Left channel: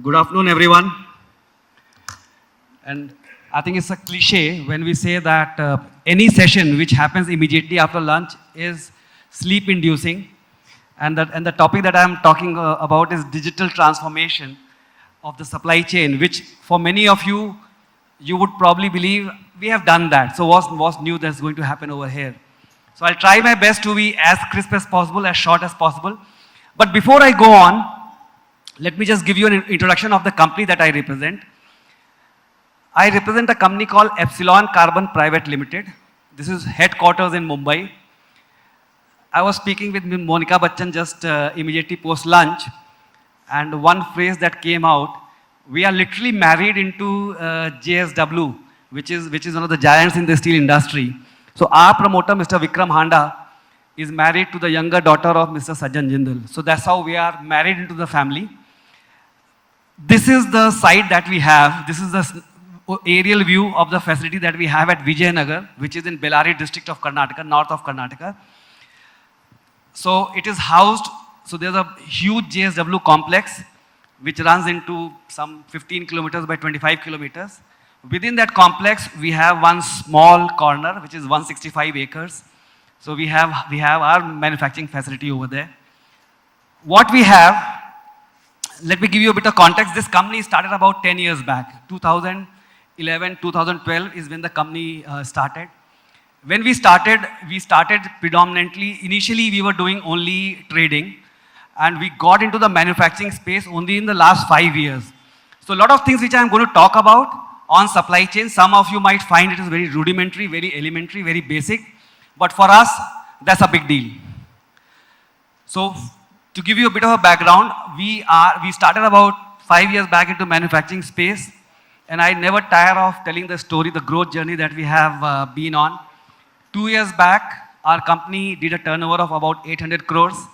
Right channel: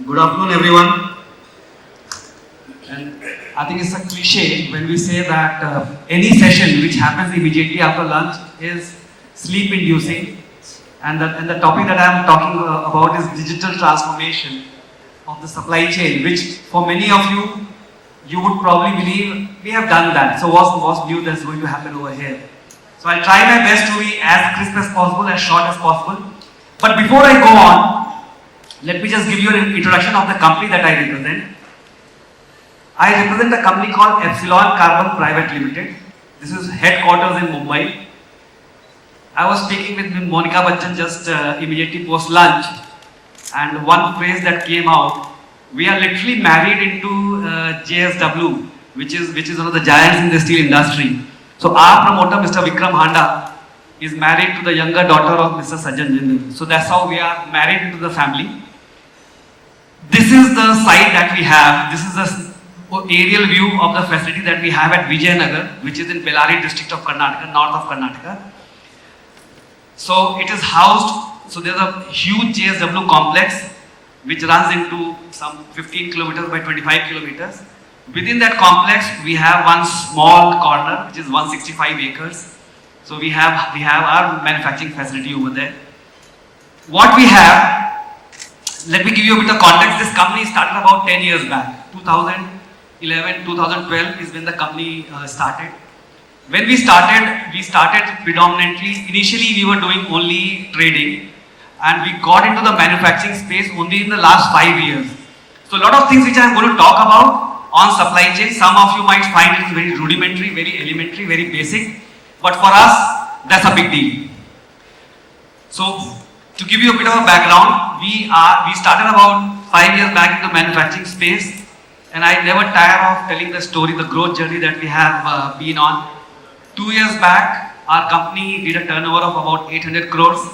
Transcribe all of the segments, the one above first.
Good afternoon, everyone. And I think it's a cliche when we say that any session which happens immediately after lunch is sleep inducing. And the topic that I am talking about is digital transformation of the supply chain, which for many of you, you would probably believe we have done that. So what's new that's going to happen over here? So I'll try my best to be as crisp as possible, as short as possible. But before I go on, let me just give you an introduction of the company that I represent. I represent a company called Epsilon Carbon Private Limited. This is headquarters in Mumbai. I was speaking with Monica Bachchan just immediately post lunch, and one phrase that came out: we are literally married into JSW, which is one of the giants in the steel industry. So our promoter, Mr. Vikram Handa, is married to the younger daughter of Mr. Sajjan Jindal. So that's how we are married into the family. This is the site that we have. This is the aerial view of the facility that we have at Vijayanagar, which is in Bellary district of Karnataka, north of Karnataka. So it is housed, so there's a huge JSW complex which runs into some 15 kilometers by 25 kilometers. Within that complex, we have one small corner, which is 165 acres. So we have our manufacturing facility over there. What we have, let me give you a bit of context. This company started about 10 years back. 2011, 2012 is when the company started. When we started predominantly, initially we were doing only trading, and we got into the manufacturing space only in the last 5 years. So a lot of things which I am going to talk about on supply chain, some of you might find it very rudimentary, very elementary, very basic, but for us, that's a big deal. So to give you a bit of a background, we started about 5 years back in the manufacturing space, and I never tire of telling the story, the growth journey that we have been on. 2 years back, our company did a turnover of about 800 crores.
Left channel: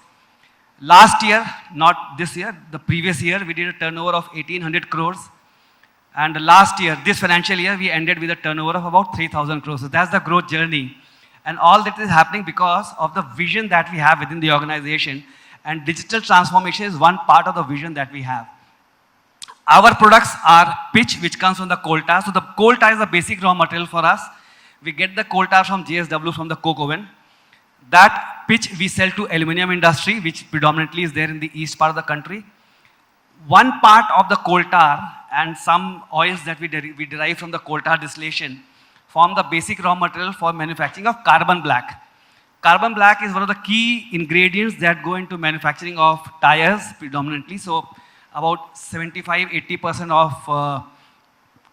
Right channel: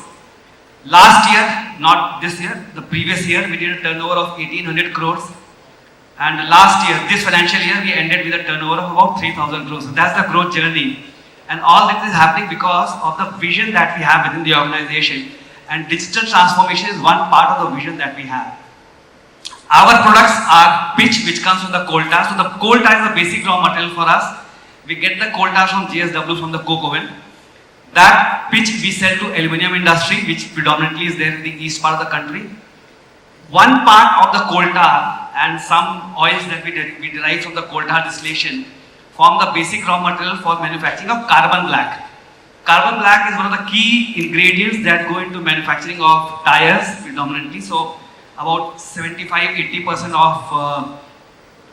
Last year, not this year, the previous year, we did a turnover of 1800 crores. And last year, this financial year, we ended with a turnover of about 3000 crores. So that's the growth journey. And all that is happening because of the vision that we have within the organization. And digital transformation is one part of the vision that we have. Our products are pitch, which comes from the coal tar. So the coal tar is a basic raw material for us. We get the coal tar from JSW, from the coke oven. That pitch we sell to aluminum industry, which predominantly is there in the east part of the country. One part of the coal tar and some oils that we derive from the coal tar distillation form the basic raw material for manufacturing of carbon black. Carbon black is one of the key ingredients that go into manufacturing of tires predominantly. So about 75-80% of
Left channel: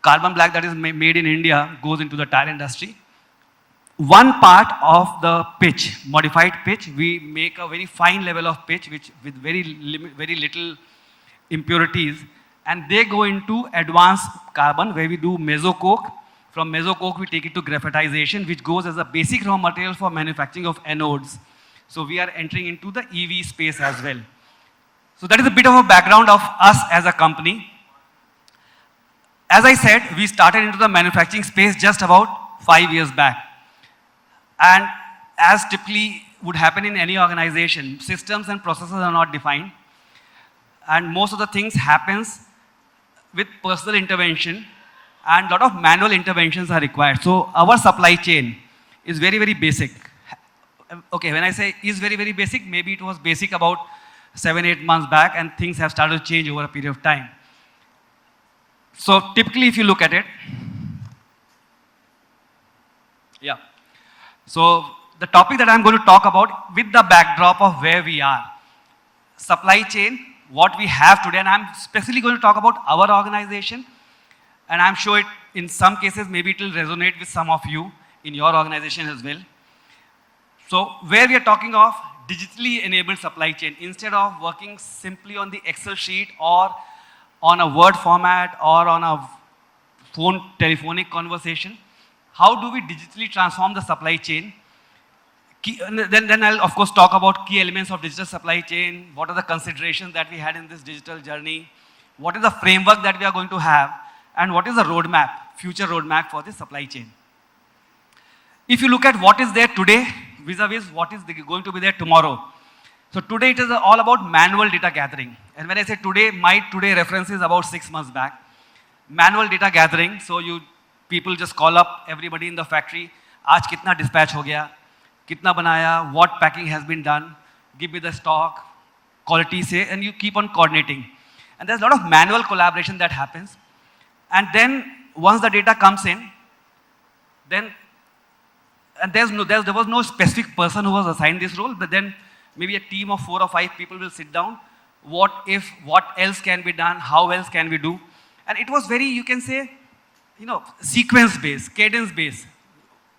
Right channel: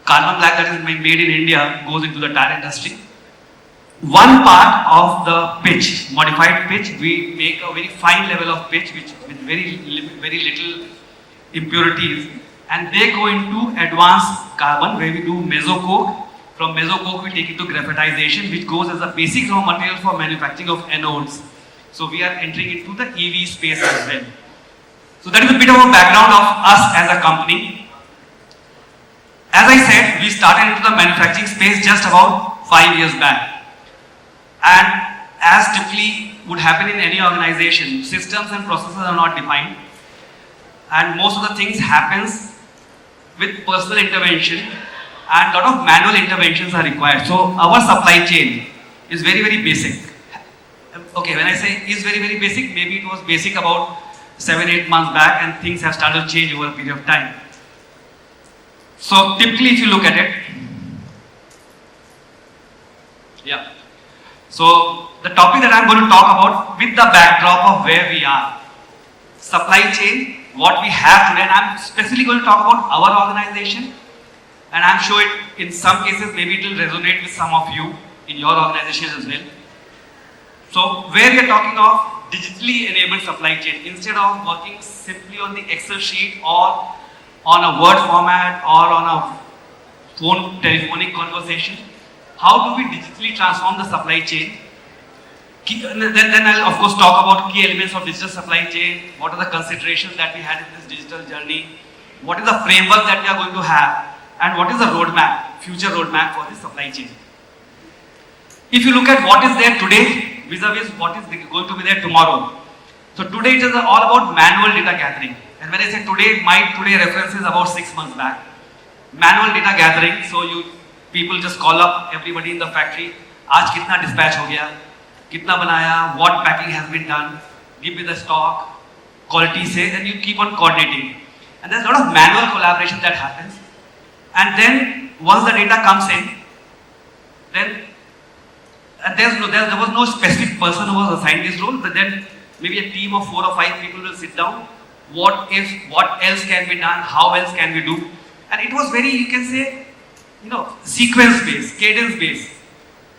carbon black that is made in India goes into the tire industry. One part of the pitch, modified pitch, we make a very fine level of pitch which with very little impurities, and they go into advanced carbon where we do mesocoke. From mesocoke we take it to graphitization, which goes as a basic raw material for manufacturing of anodes. So we are entering into the EV space as well. So that is a bit of a background of us as a company. As I said, we started into the manufacturing space just about 5 years back. And as typically would happen in any organization, systems and processes are not defined. And most of the things happens with personal intervention, and a lot of manual interventions are required. So our supply chain is very basic. Okay, when I say is very basic, maybe it was basic about 7-8 months back, and things have started to change over a period of time. So typically if you look at it, yeah. So the topic that I'm going to talk about with the backdrop of where we are, supply chain, what we have today, and I'm specifically going to talk about our organization, and I'm sure in some cases maybe it will resonate with some of you in your organization as well. So where we are talking of digitally enabled supply chain, instead of working simply on the Excel sheet or on a Word format or on a phone telephonic conversation, how do we digitally transform the supply chain? Then I'll of course talk about key elements of digital supply chain, what are the considerations that we had in this digital journey, what is the framework that we are going to have, and what is the roadmap, future roadmap for the supply chain. If you look at what is there today vis-a-vis what is going to be there tomorrow. So today it is all about manual data gathering. and when I say today, my today reference is about 6 months back. Manual data gathering, so people just call up everybody in the factory, आज कितना dispatch हो गया, कितना बनाया, what packing has been done, give me the stock, quality sales, and you keep on coordinating. And there's a lot of manual collaboration that happens. And then once the data comes in, then there was no specific person who was assigned this role, but then maybe a team of 4 or 5 people will sit down. What if, what else can be done, how else can we do? And it was very, you can say, sequence based, cadence based.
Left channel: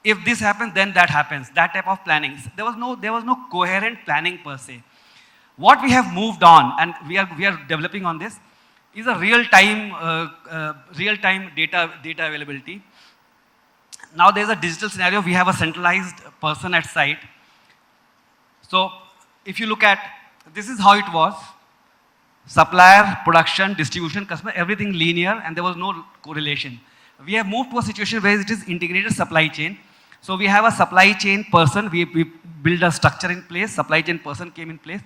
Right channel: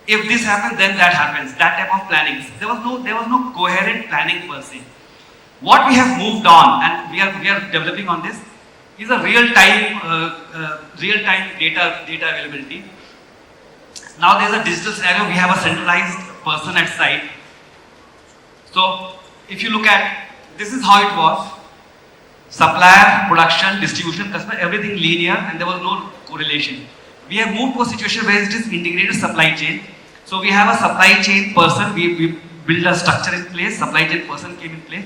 If this happens, then that happens. That type of planning. There was no coherent planning per se. What we have moved on, and we are developing on this, is a real-time data availability. Now there is a digital scenario. We have a centralized person at site. So if you look at, this is how it was: supplier, production, distribution, customer, everything linear, and there was no correlation. We have moved to a situation where it is integrated supply chain. So we have a supply chain person. We built a structure in place. Supply chain person came in place.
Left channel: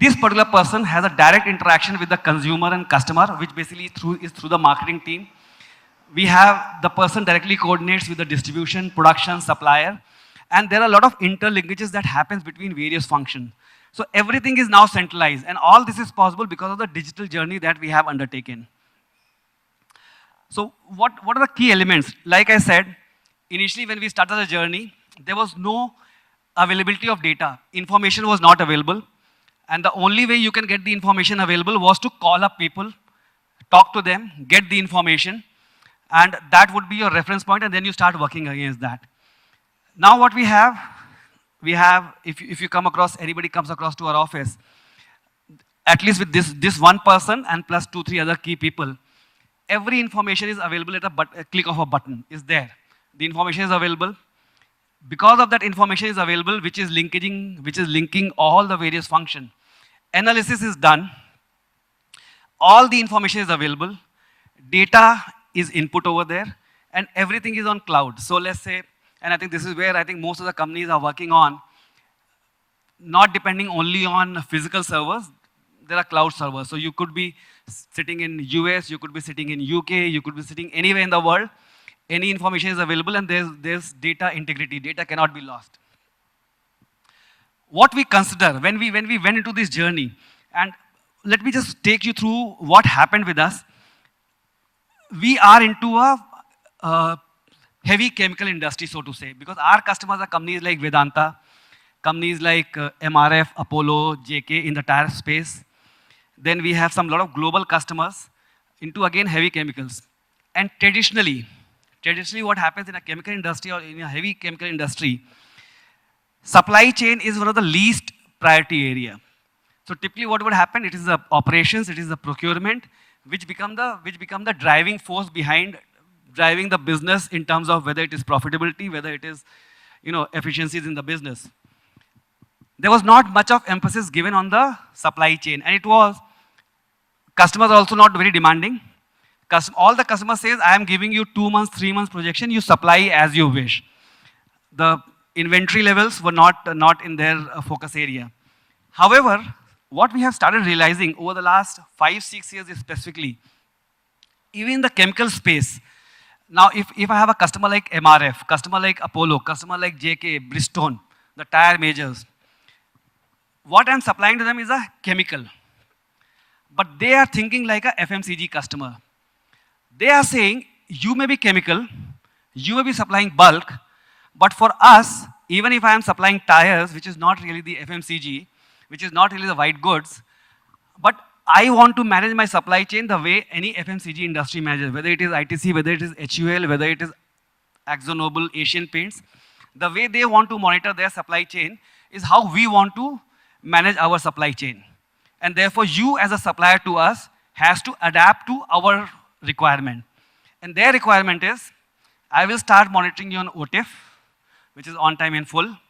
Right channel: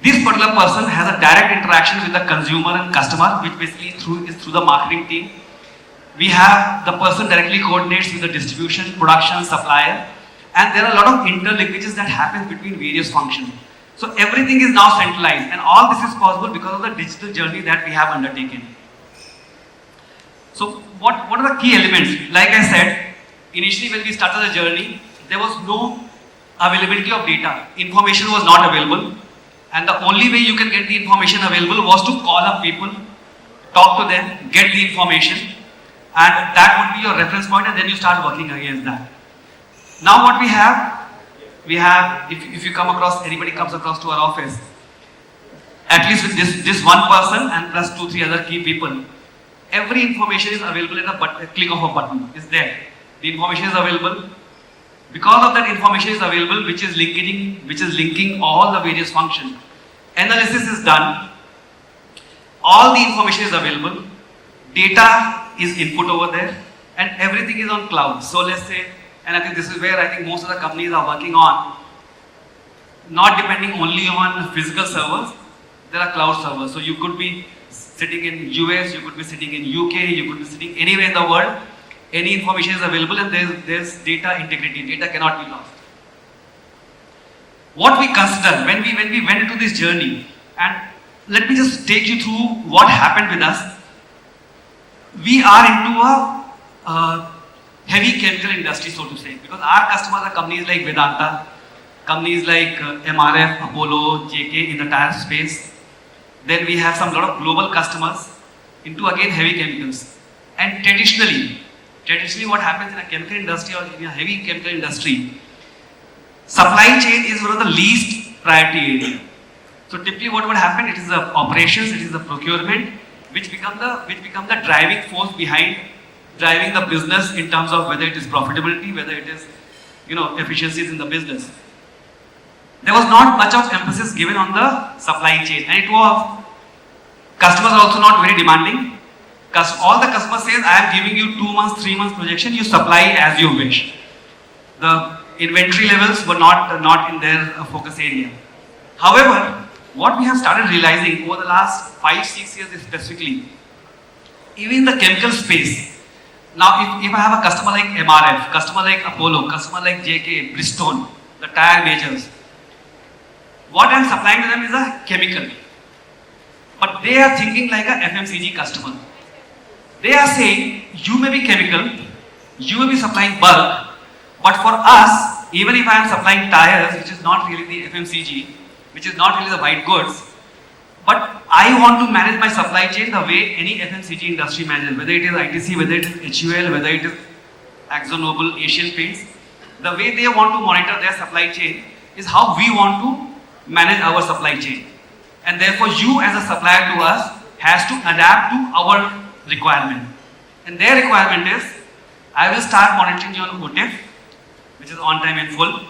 This particular person has a direct interaction with the consumer and customer, which basically is through the marketing team. We have the person directly coordinates with the distribution, production, supplier, and there are a lot of interlinkages that happen between various functions. So everything is now centralized, and all this is possible because of the digital journey that we have undertaken. So what are the key elements? Like I said, initially when we started the journey, there was no availability of data. Information was not available. And the only way you can get the information available was to call up people, talk to them, get the information, and that would be your reference point, and then you start working against that. Now what we have, if you come across, anybody comes across to our office, at least with this one person and plus 2-3 other key people, every information is available at a click of a button. Is there. The information is available. Because of that information is available, which is linking all the various functions. Analysis is done. All the information is available. Data is input over there, and everything is on cloud. So let's say, and I think this is where I think most of the companies are working on, not depending only on physical servers. There are cloud servers. So you could be sitting in US, you could be sitting in UK, you could be sitting anywhere in the world. Any information is available, and there's data integrity. Data cannot be lost. What we consider when we went into this journey, and let me just take you through what happened with us. We are into a heavy chemical industry, so to say, because our customers are companies like Vedanta, companies like MRF, Apollo, JK in the tire space. Then we have some lot of global customers into again heavy chemicals. And traditionally what happens in a chemical industry or in a heavy chemical industry, supply chain is one of the least priority area. So typically what would happen, it is the operations, it is the procurement, which become the driving force behind driving the business in terms of whether it is profitability, whether it is efficiencies in the business. There was not much of emphasis given on the supply chain, and it was customers also not very demanding. All the customer says, I am giving you 2 months, 3 months projection, you supply as you wish. The inventory levels were not in their focus area. However, what we have started realizing over the last 5-6 years specifically, even in the chemical space, now if I have a customer like MRF, customer like Apollo, customer like JK, Bristol, the tire majors, what I am supplying to them is a chemical. But they are thinking like a FMCG customer. They are saying, you may be chemical, you may be supplying bulk, but for us, even if I am supplying tires, which is not really the FMCG, which is not really the white goods, but I want to manage my supply chain the way any FMCG industry manages, whether it is ITC, whether it is HUL, whether it is AkzoNobel, Asian Paints. The way they want to monitor their supply chain is how we want to manage our supply chain. And therefore, you as a supplier to us has to adapt to our requirement. And their requirement is, I will start monitoring your OTIF, which is on time and full.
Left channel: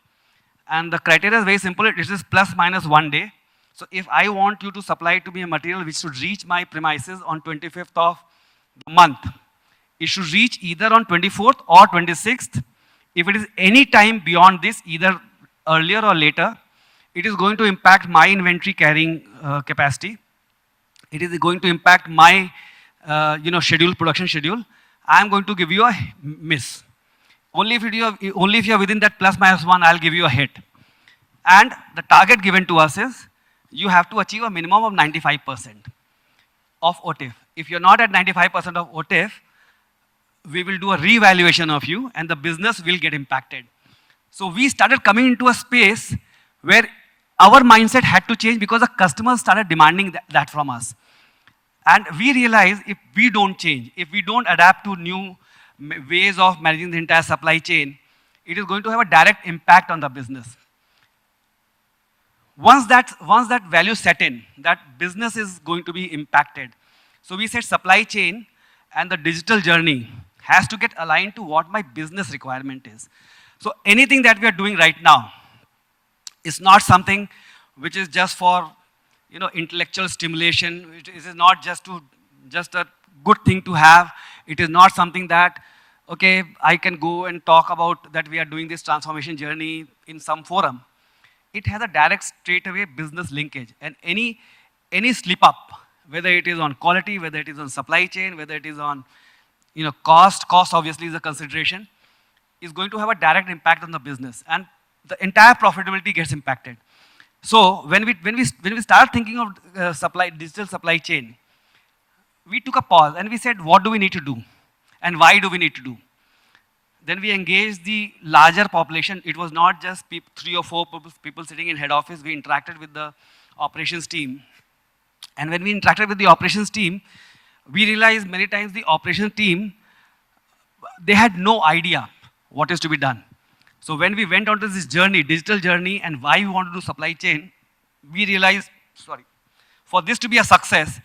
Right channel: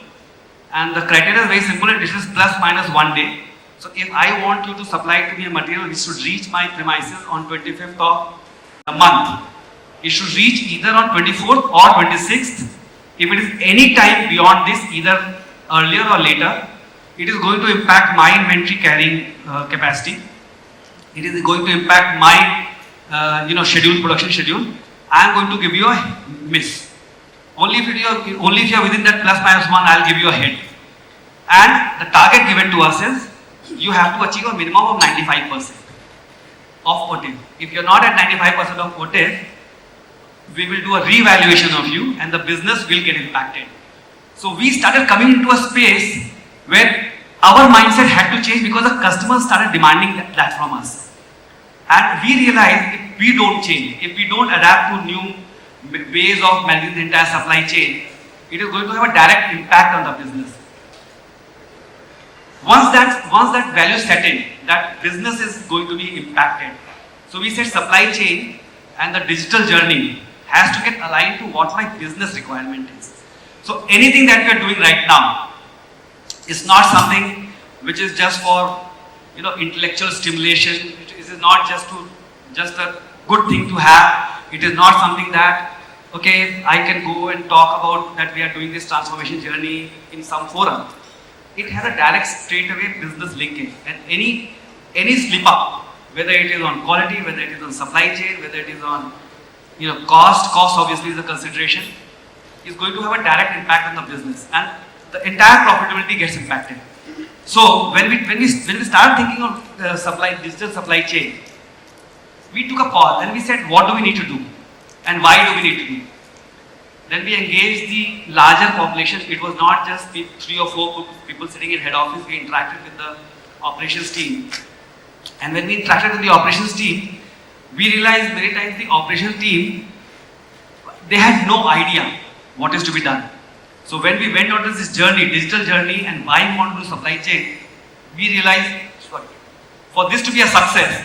And the criteria is very simple, it is plus minus 1 day. So if I want you to supply to me a material which should reach my premises on 25th of the month, it should reach either on 24th or 26th. If it is any time beyond this, either earlier or later, it is going to impact my inventory carrying capacity. it is going to impact my production schedule. I am going to give you a miss. Only if you are within that plus minus 1, I will give you a hit. And the target given to us is you have to achieve a minimum of 95% of OTIF. If you are not at 95% of OTIF, we will do a re-evaluation of you and the business will get impacted. So we started coming into a space where our mindset had to change because the customers started demanding that from us. And we realized if we don't change, if we don't adapt to new ways of managing the entire supply chain, it is going to have a direct impact on the business. Once that value set in, that business is going to be impacted. So we said supply chain and the digital journey has to get aligned to what my business requirement is. So anything that we are doing right now is not something which is just for intellectual stimulation. It is not just a good thing to have. It is not something that I can go and talk about that we are doing this transformation journey in some forum. It has a direct straightaway business linkage, and any slip up, whether it is on quality, whether it is on supply chain, whether it is on cost obviously is a consideration, is going to have a direct impact on the business, and the entire profitability gets impacted. So when we start thinking of digital supply chain, we took a pause and we said, what do we need to do, and why do we need to do? Then we engaged the larger population. It was not just 3 or 4 people sitting in head office. We interacted with the operations team, and when we interacted with the operations team, we realized many times the operations team, they had no idea what is to be done. So when we went on this journey, digital journey, and why we want to do supply chain, we realized for this to be a success,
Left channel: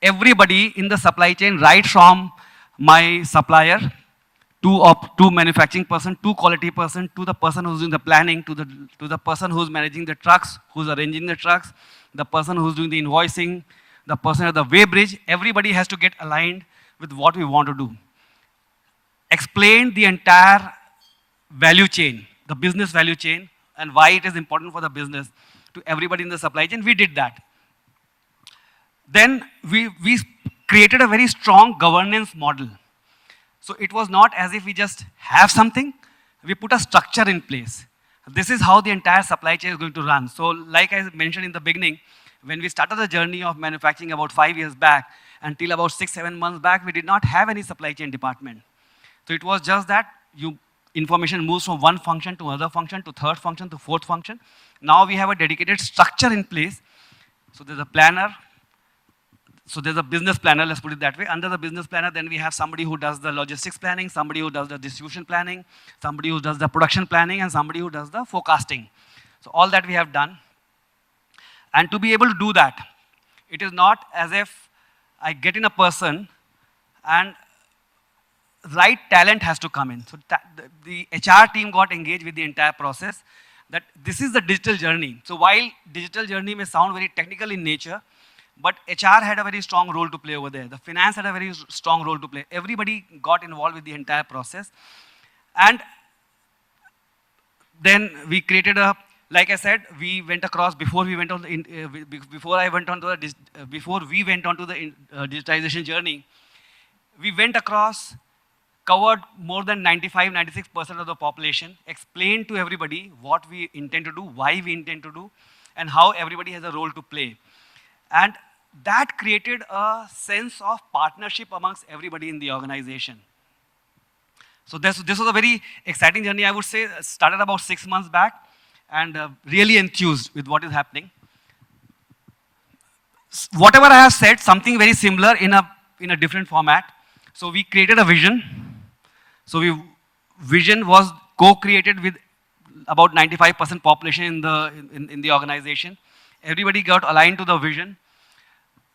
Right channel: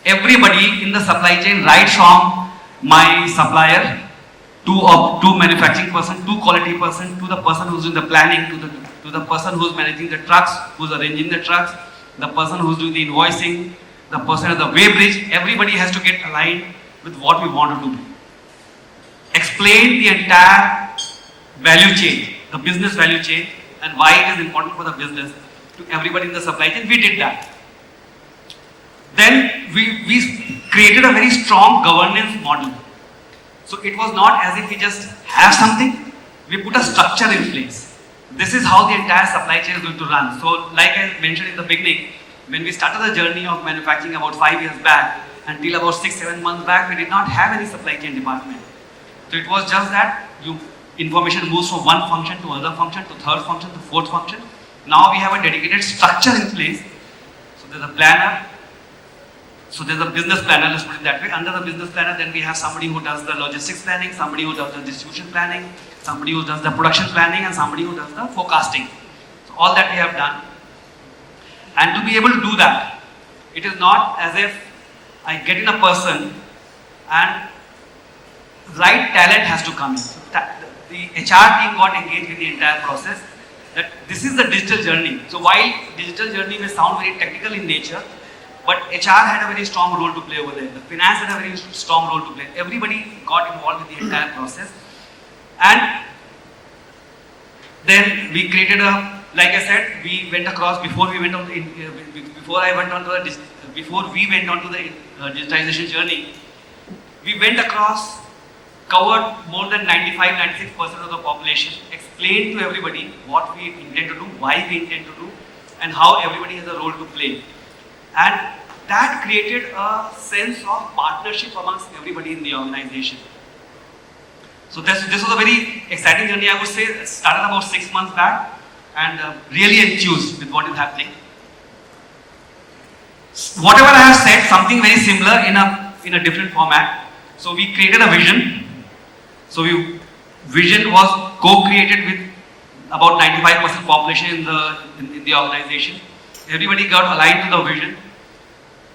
everybody in the supply chain, right from my supplier to manufacturing person, to quality person, to the person who's doing the planning, to the person who's managing the trucks, who's arranging the trucks, the person who's doing the invoicing, the person at the weighbridge, everybody has to get aligned with what we want to do. Explain the entire value chain, the business value chain, and why it is important for the business to everybody in the supply chain. We did that. Then we created a very strong governance model. So it was not as if we just have something, we put a structure in place. This is how the entire supply chain is going to run. So like I mentioned in the beginning, when we started the journey of manufacturing about 5 years back, until about 6-7 months back, we did not have any supply chain department. So it was just that information moves from one function to another function, to third function, to fourth function. Now we have a dedicated structure in place. So there's a planner. So there's a business planner, let's put it that way. Under the business planner, then we have somebody who does the logistics planning, somebody who does the distribution planning, somebody who does the production planning, and somebody who does the forecasting. So all that we have done. And to be able to do that, it is not as if I get in a person and right talent has to come in. The HR team got engaged with the entire process, that this is the digital journey. So while digital journey may sound very technical in nature, but HR had a very strong role to play over there. The finance had a very strong role to play. Everybody got involved in the entire process. And then we created like I said, we went across, before we went on the digitization journey, we went across, covered more than 95-96% of the population, explained to everybody what we intend to do, why we intend to do, and how everybody has a role to play. And that created a sense of partnership amongst everybody in the organization. So this was a very exciting journey, I would say. It started about 6 months back, and really enthused with what is happening. Whatever I have said, something very similar in a different format. So we created a vision. So vision was co-created with about 95% population in the organization. Everybody got aligned to the vision.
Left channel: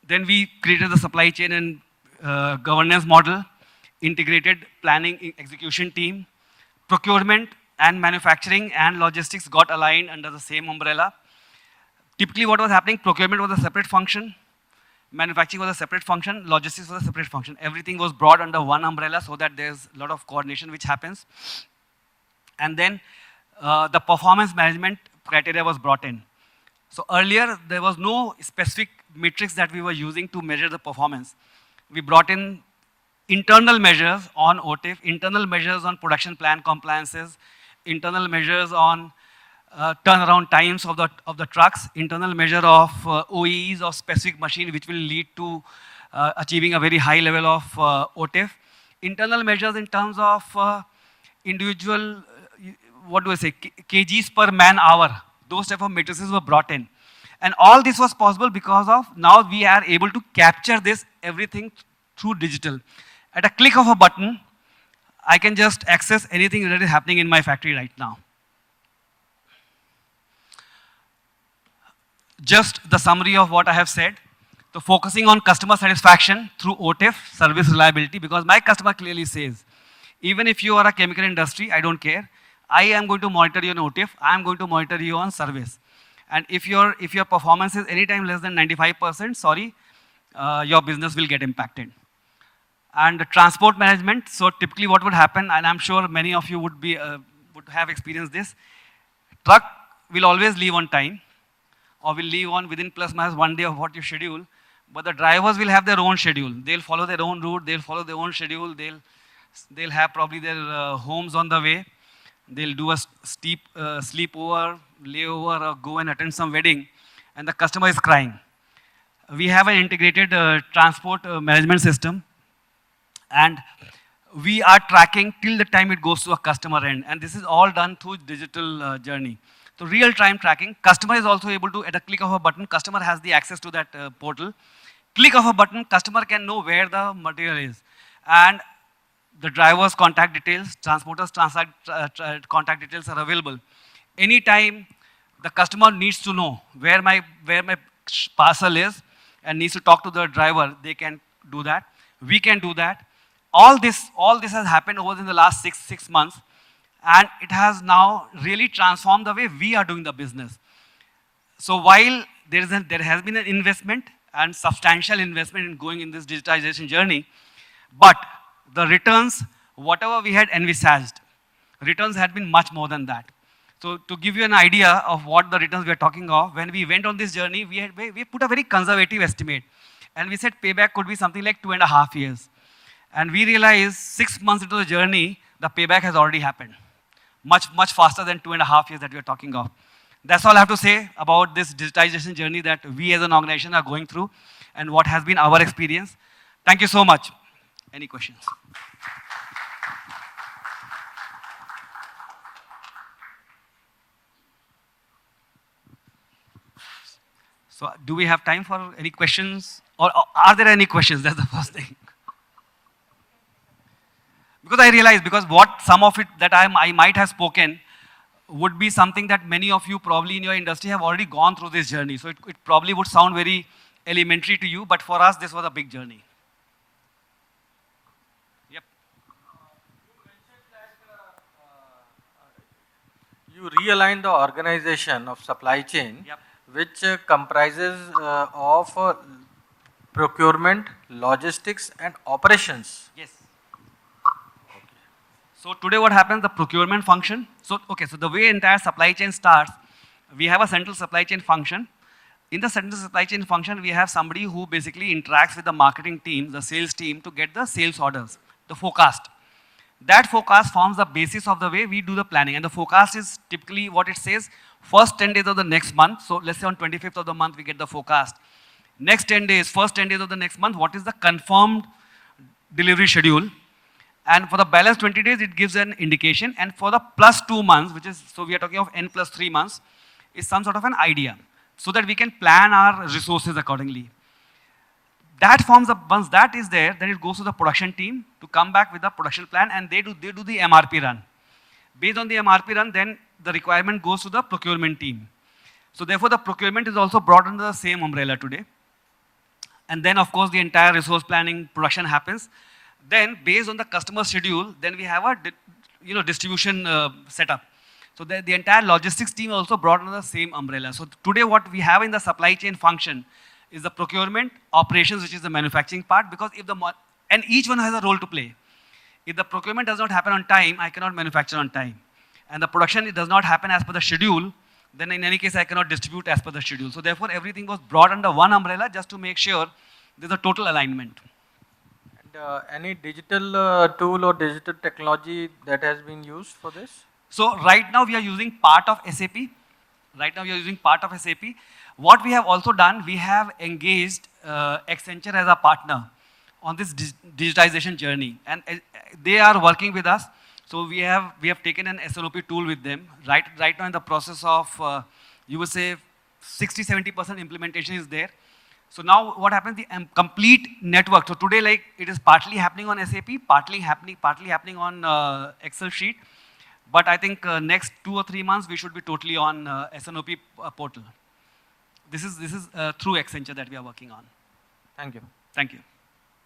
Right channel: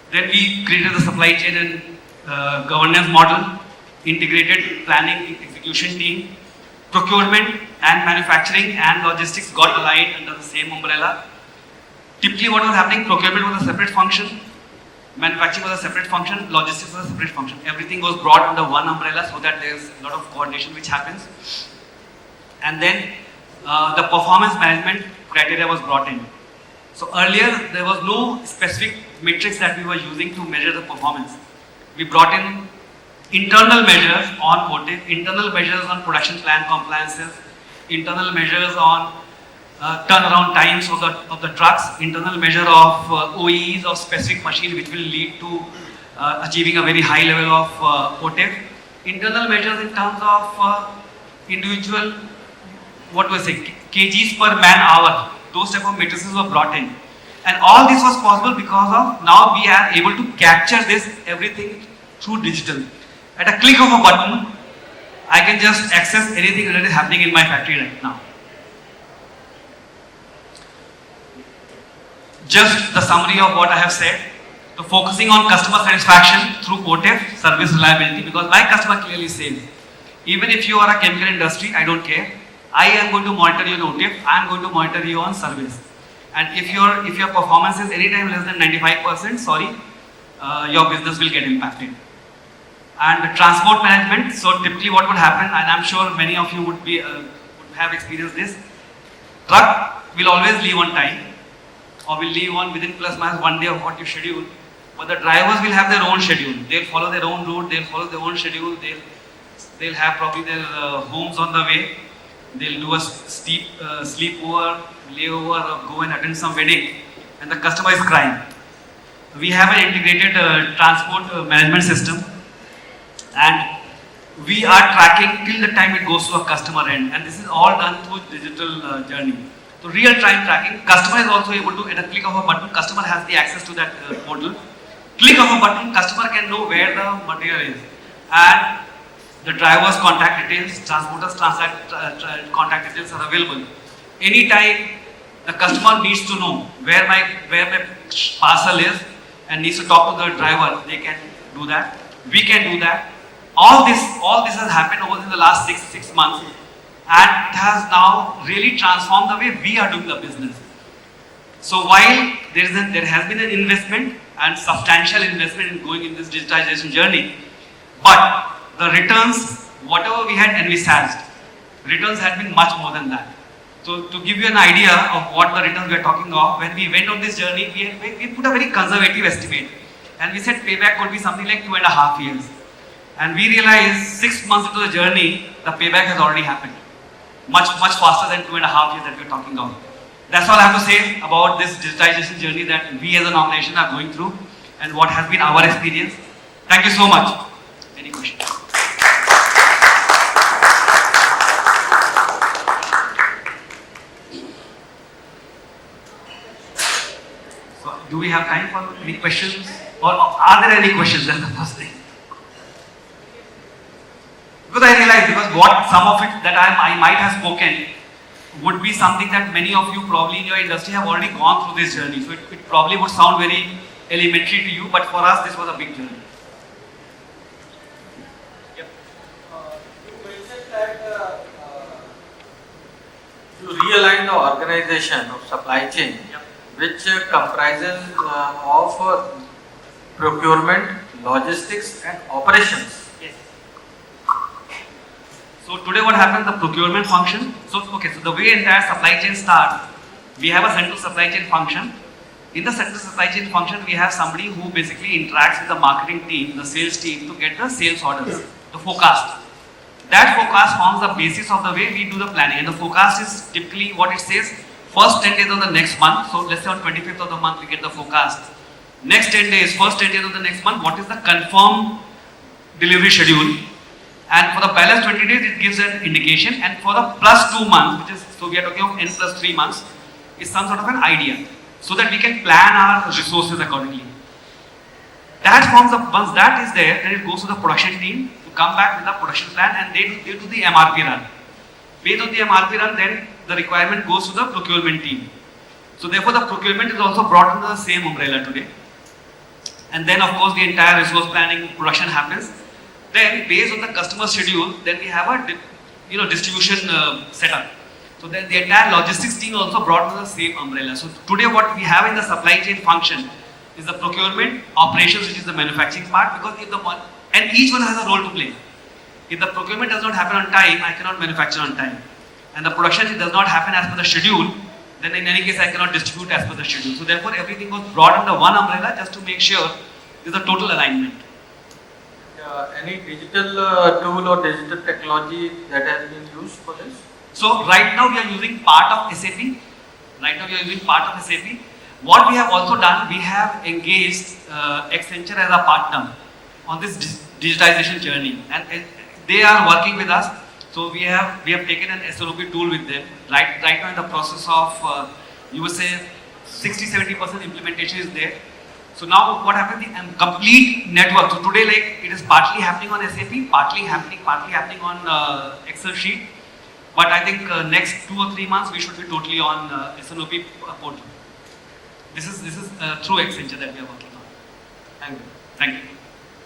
Then we created the supply chain and governance model, integrated planning execution team, procurement and manufacturing and logistics got aligned under the same umbrella. Typically what was happening, procurement was a separate function, manufacturing was a separate function, logistics was a separate function. Everything was brought under one umbrella so that there is a lot of coordination which happens. And then the performance management criteria was brought in. So earlier there was no specific matrix that we were using to measure the performance. We brought in internal measures on OTIF, internal measures on production plan compliances, internal measures on turnaround times of the trucks, internal measure of OEEs of specific machine which will lead to achieving a very high level of OTIF, internal measures in terms of individual, what do I say, kgs per man hour, those type of matrices were brought in. And all this was possible because of now we are able to capture this everything through digital. At a click of a button, I can just access anything that is happening in my factory right now. Just the summary of what I have said. So focusing on customer satisfaction through OTIF, service reliability, because my customer clearly says, even if you are a chemical industry, I don't care. I am going to monitor your OTIF, I am going to monitor you on service. And if your performance is anytime less than 95%, sorry, your business will get impacted. And transport management, so typically what would happen, and I'm sure many of you would have experienced this, truck will always leave on time, or will leave on within plus minus 1 day of what you schedule, but the drivers will have their own schedule. They'll follow their own route, they'll follow their own schedule, they'll have probably their homes on the way, they'll do a steep sleepover, layover, or go and attend some wedding, and the customer is crying. We have an integrated transport management system, and we are tracking till the time it goes to a customer end, and this is all done through digital journey. So real-time tracking, customer is also able to, at a click of a button, customer has the access to that portal. Click of a button, customer can know where the material is, and the driver's contact details, transporter's contact details are available. Anytime the customer needs to know where my parcel is and needs to talk to the driver, they can do that. We can do that. All this has happened over the last six months, and it has now really transformed the way we are doing the business. So while there has been an investment and substantial investment in going in this digitization journey, but the returns, whatever we had envisaged, returns have been much more than that. So to give you an idea of what the returns we are talking of, when we went on this journey, we put a very conservative estimate, and we said payback could be something like 2.5 years. And we realized 6 months into the journey, the payback has already happened. Much faster than 2.5 years that we are talking of. That's all I have to say about this digitization journey that we as an organization are going through and what has been our experience. Thank you so much. Any questions? So, do we have time for any questions? Or are there any questions? That's the first thing. Because I realized, because what some of it that I might have spoken would be something that many of you probably in your industry have already gone through this journey. So it probably would sound very elementary to you, but for us this was a big journey. Yep. You mentioned that you realign the organization of supply chain, which comprises of procurement, logistics and operations. So today what happened, the procurement function, so the way entire supply chain starts, we have a central supply chain function. In the central supply chain function, we have somebody who basically interacts with the marketing team, the sales team to get the sales orders, the forecast. That forecast forms the basis of the way we do the planning, and the forecast is typically what it says, first 10 days of the next month, so let's say on 25th of the month we get the forecast. Next 10 days, first 10 days of the next month, what is the confirmed delivery schedule? And for the balance 20 days, it gives an indication. And for the plus 2 months, which is, so we are talking of n plus 3 months, is some sort of an idea. So that we can plan our resources accordingly. That forms the, once that is there, then it goes to the production team to come back with the production plan, and they do the MRP run. Based on the MRP run, then the requirement goes to the procurement team. So therefore, the procurement is also brought under the same umbrella today. And then of course, the entire resource planning production happens. Then based on the customer schedule, then we have a distribution setup. So then the entire logistics team also brought to the same umbrella. So today what we have in the supply chain function is the procurement, operations, which is the manufacturing part, because and each one has a role to play. If the procurement does not happen on time, I cannot manufacture on time. And the production does not happen as per the schedule, then in any case I cannot distribute as per the schedule. So therefore everything was brought under one umbrella just to make sure there's a total alignment. Any digital tool or digital technology that has been used for this? So right now we are using part of SAP. What we have also done, we have engaged Accenture as a partner on this digitization journey, and they are working with us. So we have taken an SOP tool with them. Right now in the process of you would say 60-70% implementation is there. So now what happens in complete network. So today like it is partly happening on SAP, partly happening on Excel sheet. But I think next 2 or 3 months we should be totally on SNOP portal. This is through Accenture that we are working on. Thank you. Thank you.